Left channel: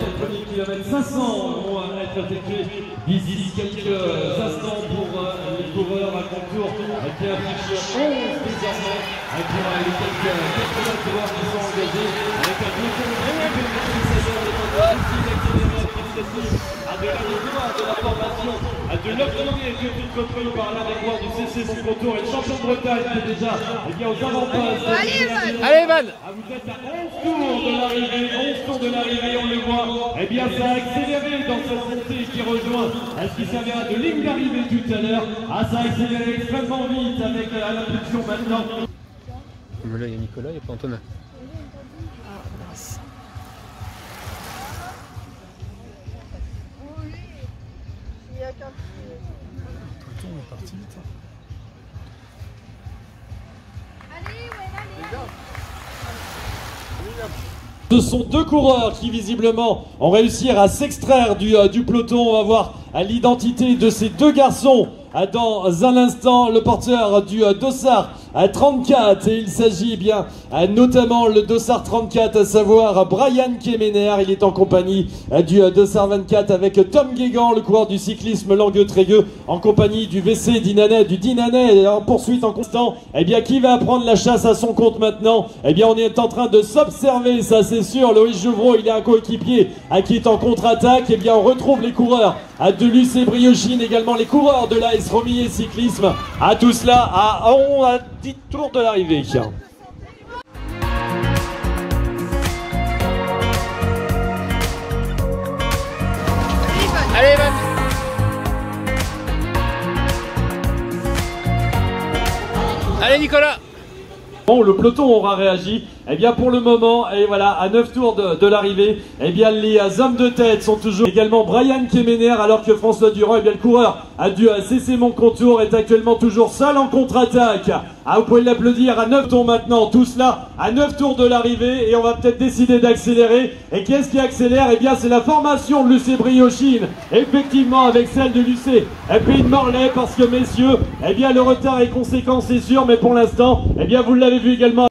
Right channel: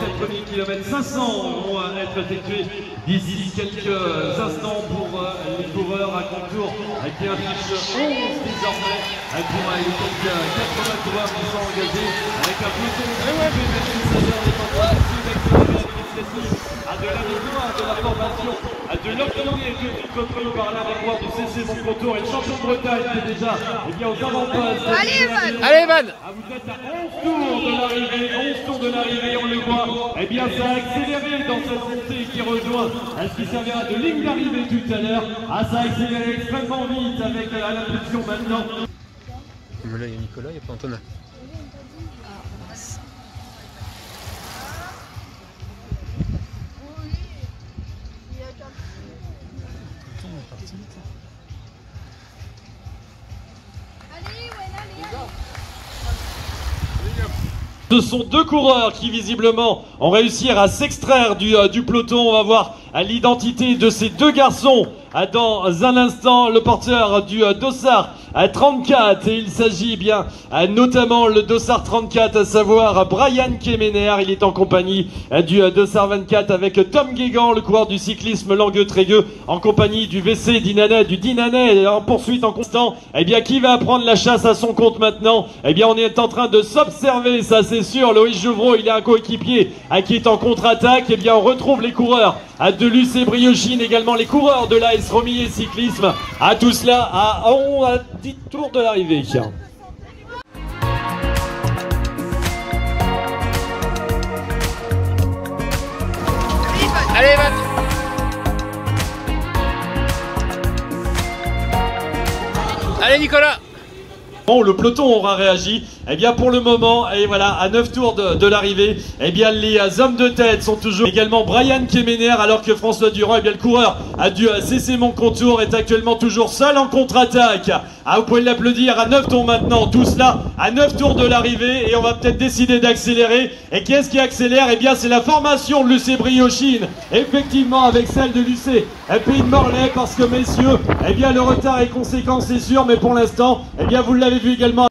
les 4 premiers kilomètres. 500 vont être effectués d'ici quelques instants pour les coureurs. Un concours qui affiche 11 désormais pour les quelques 80 coureurs qui sont engagés avec un peloton de la formation de l'Octonier qui est repris par l'un des coureurs du CC Mon Contour et le champion de Bretagne qui est déjà aux avant-postes. Allez Evan. Vous êtes à 11 tours de l'arrivée, 11 tours de l'arrivée, on le voit. Eh bien ça a accéléré dans cette montée qui rejoint ce qui servira de ligne d'arrivée tout à l'heure. Ah, ça a accéléré extrêmement vite avec l'impulsion maintenant. Mais là il y a Nicolas, il n'y a pas Antonin. Ce sont deux coureurs qui visiblement ont réussi à s'extraire du peloton. On va voir l'identité de ces deux garçons dans un instant. Le porteur du dossard 34 et il s'agit bien notamment le dossard 34, à savoir Brian Kemener. Il est en compagnie du dossard 24 avec Tom Guégan, le coureur du cyclisme Langueux-Trégueux, en compagnie du VC du Dinanais en poursuite en constant. Eh bien, qui va prendre la chasse à son compte maintenant? Eh bien, on est en train de s'observer, ça c'est sûr. Loïc Jouvreau, il a un coéquipier qui est en contre-attaque. Eh bien, on retrouve les coureurs de l'UC Briochine, également les coureurs de l'AS Romillet Cyclisme. À tout cela à 10 tours de l'arrivée. Allez Evan. Allez Nicolas. Bon, le peloton aura réagi. Eh bien, pour le moment, et voilà, à 9 tours de l'arrivée, eh bien, les hommes de tête sont toujours également Brian Kemener, alors que François Durand, eh bien, le coureur du CC Mon Contour est actuellement toujours seul en contre-attaque. Ah, vous pouvez l'applaudir à 9 tours maintenant, tout cela à 9 tours de l'arrivée, et on va peut-être décider d'accélérer. Et qu'est-ce qui accélère? Eh bien, c'est la formation de l'UC Briochine, effectivement, avec celle de l'UC Pays de Morlaix, parce que, messieurs, eh bien, le retard est conséquent, c'est sûr, mais pour l'instant, eh bien, vous l'avez vu également.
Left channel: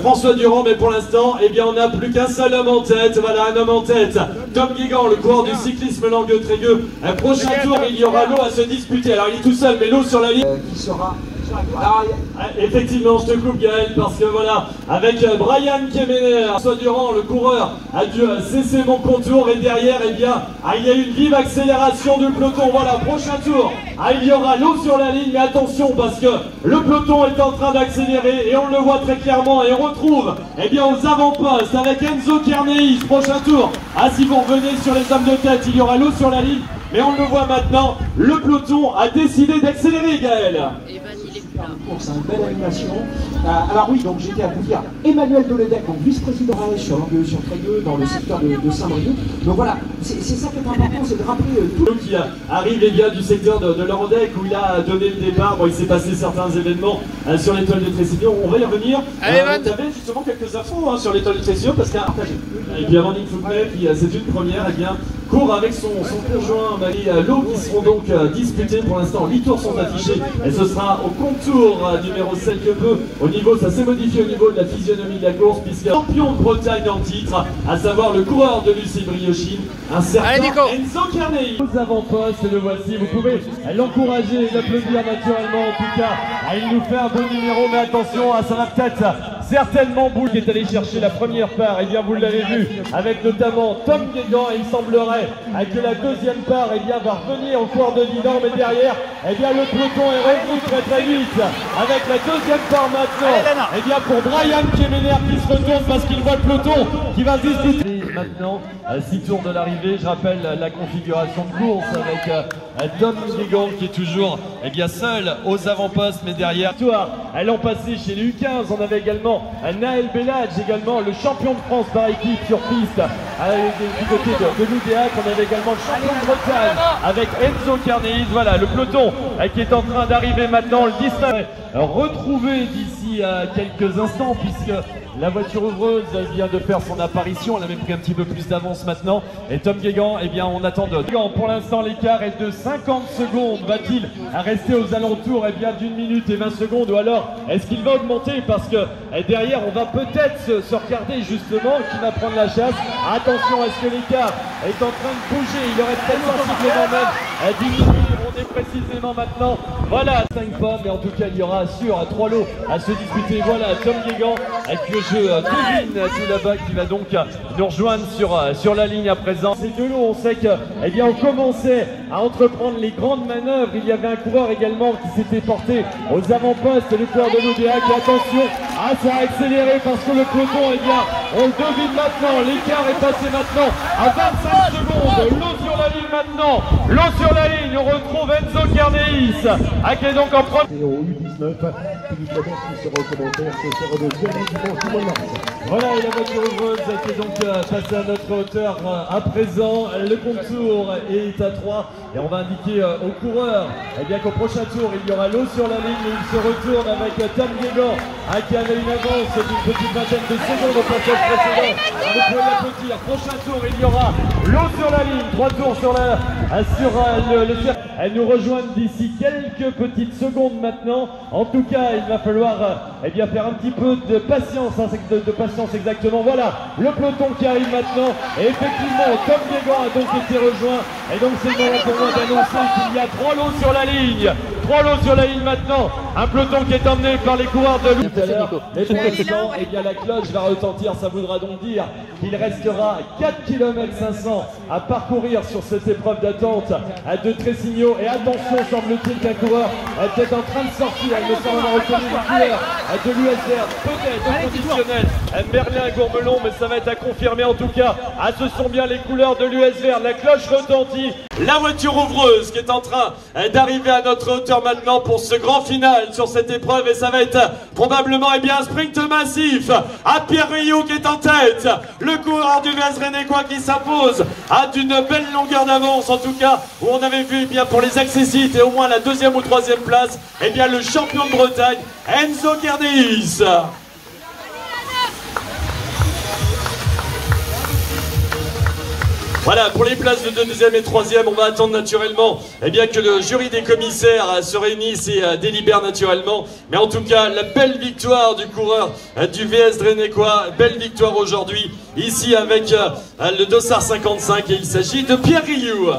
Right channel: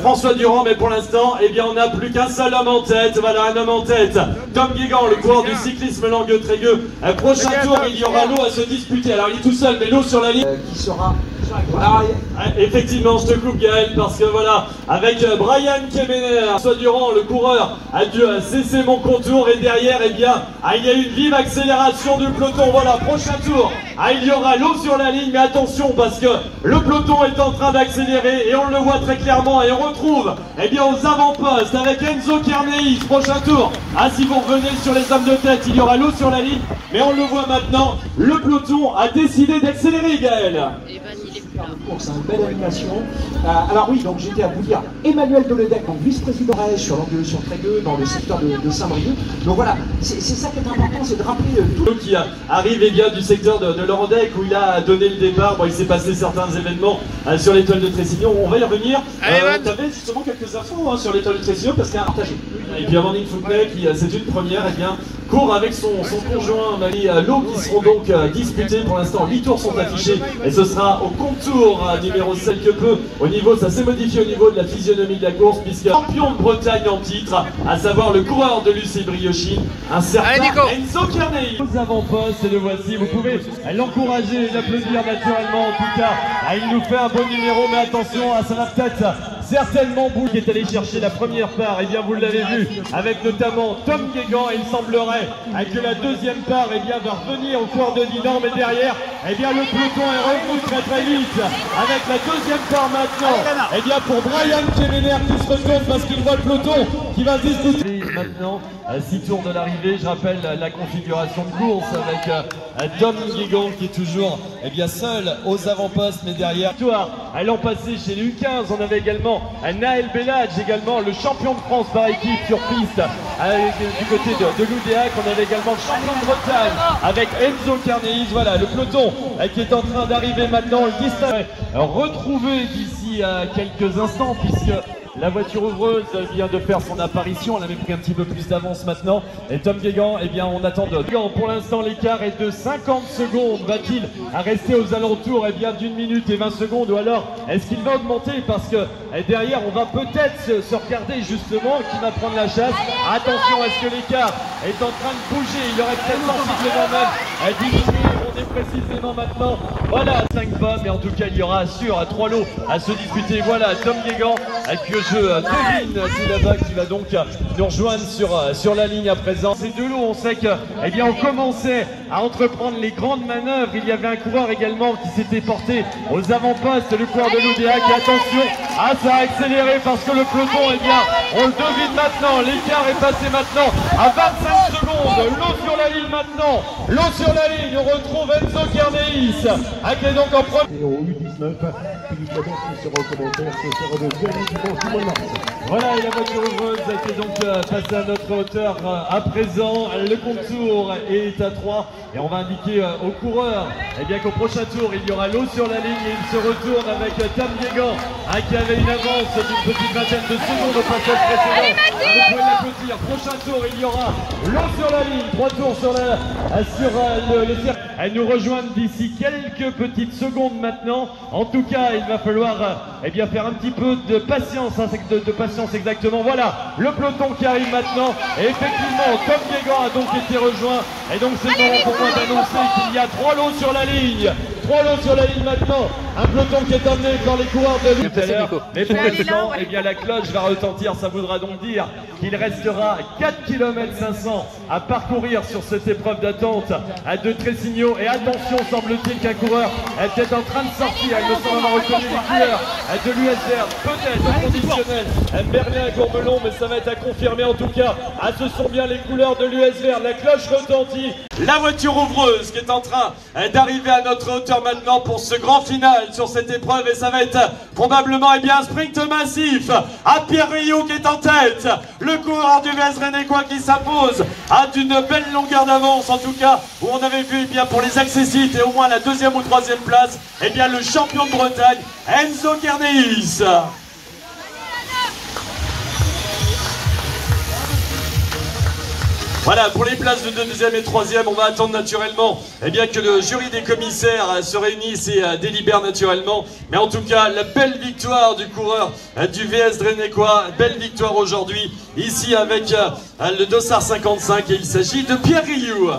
François Durand, mais pour l'instant, eh bien, on n'a plus qu'un seul homme en tête. Voilà, un homme en tête. Tom Guégan, le coureur du cyclisme Langueux-Trégueux. Prochain tour, il y aura l'eau à se disputer. Alors, il est tout seul, mais l'eau sur la ligne. Qui sera... Effectivement, je te coupe Gaël, parce que voilà, avec Brian Kemener, François Durand, le coureur du CC Mon Contour, et derrière, eh bien, il y a une vive accélération du peloton. Voilà, prochain tour, il y aura l'eau sur la ligne, mais attention, parce que le peloton est en train d'accélérer, et on le voit très clairement, et on retrouve, eh bien, aux avant-postes, avec Enzo Kerneis, prochain tour. Si vous revenez sur les hommes de tête, il y aura l'eau sur la ligne, mais on le voit maintenant, le peloton a décidé d'accélérer, Gaël. De course, une belle animation. Alors oui, donc j'étais à vous dire, Emmanuel Deledec, donc vice-président AS sur Langueux-sur-Trégueux, dans le secteur de Saint-Brieuc. Donc voilà, c'est ça qui est important, c'est de rappeler tout. Qui arrive eh bien, du secteur de Lorandec, où il a donné le départ. Bon, il s'est passé certains événements sur l'étoile de Tressignon. On va y revenir. Tu avais justement quelques infos sur l'étoile de Tressignon, parce qu'il y a un partagé. Et puis Amandine Fouquet, qui c'est une première, eh bien, court avec son conjoint Marie Lowe, qui seront donc disputés. Pour l'instant, 8 tours sont affichés, et ce sera au contour numéro 7 que peu. Au niveau, ça s'est modifié au niveau de la physionomie de la course, puisque champion de Bretagne en titre, à savoir le coureur de l'UC Briochine, un certain Enzo Kerneis. Aux avant-postes, le voici, vous pouvez l'encourager et l'applaudir naturellement. En tout cas, il nous fait un beau numéro, mais attention, ça va peut-être certainement Boulle qui est allé chercher la première part. Et bien, vous l'avez vu, avec notamment Tom Guégan, et il semblerait que la deuxième part bien, va revenir au cours de Dinan, mais derrière, eh bien, le peloton est revenu très très vite, avec la deuxième part maintenant, eh bien, pour Brian Kemener qui se retourne parce qu'il voit le peloton qui va se disputer. Maintenant, 6 tours de l'arrivée, je rappelle la configuration de course avec Tom Guégan qui est toujours eh bien, seul aux avant-postes, mais derrière, l'an passé chez les U15, on avait également Naël Bellage, également le champion de France par équipe sur piste du côté de l'Oudéac. On avait également le champion de Bretagne avec Enzo Kerneis. Voilà, le peloton qui est en train d'arriver maintenant, le 19 retrouvé d'ici quelques instants, puisque La voiture ouvreuse vient de faire son apparition, elle avait pris un petit peu plus d'avance maintenant. Et Tom Guégan, eh bien on attend de... Pour l'instant l'écart est de 50 secondes. Va-t-il rester aux alentours d'une minute et 20 secondes, ou alors est-ce qu'il va augmenter? Parce que derrière on va peut-être se regarder justement qui va prendre la chasse. Attention, est-ce que l'écart est en train de bouger? Il aurait peut-être sensiblement même diminué. On est précisément maintenant, voilà, 5 pas, mais en tout cas il y aura sûr 3 lots à se disputer. Voilà Tom Guégan avec le jeu devine tout là-bas qui va donc nous rejoindre sur la ligne à présent. Ces deux lots, on sait que on commençait à entreprendre les grandes manœuvres. Il y avait un coureur également qui s'était porté aux avant-postes, le coureur de l'ODA, qui attention, ça a accéléré parce que le peloton, on le devine maintenant, l'écart est passé maintenant à 25 secondes. L'eau sur la ligne maintenant, l'eau sur la ligne, on retrouve Enzo Guerneis, qui est donc en premier. Voilà, et la voiture ouvreuse qui est donc passée à notre hauteur à présent. Le contour est à 3 et on va indiquer aux coureurs qu'au prochain tour il y aura l'eau sur la ligne et il se retourne avec Tom Guégan qui avait une avance d'une petite vingtaine de secondes au passage précédent. Vous pouvez l'applaudir. Prochain tour il y aura l'eau sur la ligne, 3 tours sur le circuit. Elle nous rejoignent d'ici quelques petites secondes maintenant. En tout cas, il va falloir faire un petit peu de patience, de patience exactement. Voilà, le peloton qui arrive maintenant. Et effectivement, Tom Guégan a donc été rejoint. Et donc c'est le moment pour moi d'annoncer qu'il y a 3 lots sur la ligne. 3 lots sur la ligne maintenant. Un peloton qui est emmené par les coureurs de l'Ouest. Mais pour l'instant, la cloche va retentir. Ça voudra donc dire qu'il restera 4 km 500 à parcourir sur cette épreuve d'attente de Tressigno. Et attention, semble-t-il qu'un coureur est peut-être en train de sortir. Il me semble avoir reconnu les couleurs de l'USR, peut-être au conditionnel. Merlin-Gourmelon, mais ça va être à confirmer en tout cas. Ce sont bien les couleurs de l'USR. La cloche retentit. La voiture ouvreuse qui est en train d'arriver à notre hauteur maintenant pour ce grand final sur cette épreuve. Et ça va être probablement un sprint massif. Pierre Rioux qui est en tête. Le coureur du VS Renécois qui s'impose d'une belle longueur d'avance en tout cas, où on avait vu pour les accessites et au moins la 2e ou 3e place, le champion de Bretagne, Enzo Guerneis. Voilà, pour les places de 2e et 3e, on va attendre naturellement que le jury des commissaires se réunisse et délibère naturellement. Mais en tout cas, la belle victoire du coureur du VS Renécois, belle victoire aujourd'hui, ici avec le Dossard 55, et il s'agit de Pierre Rioux.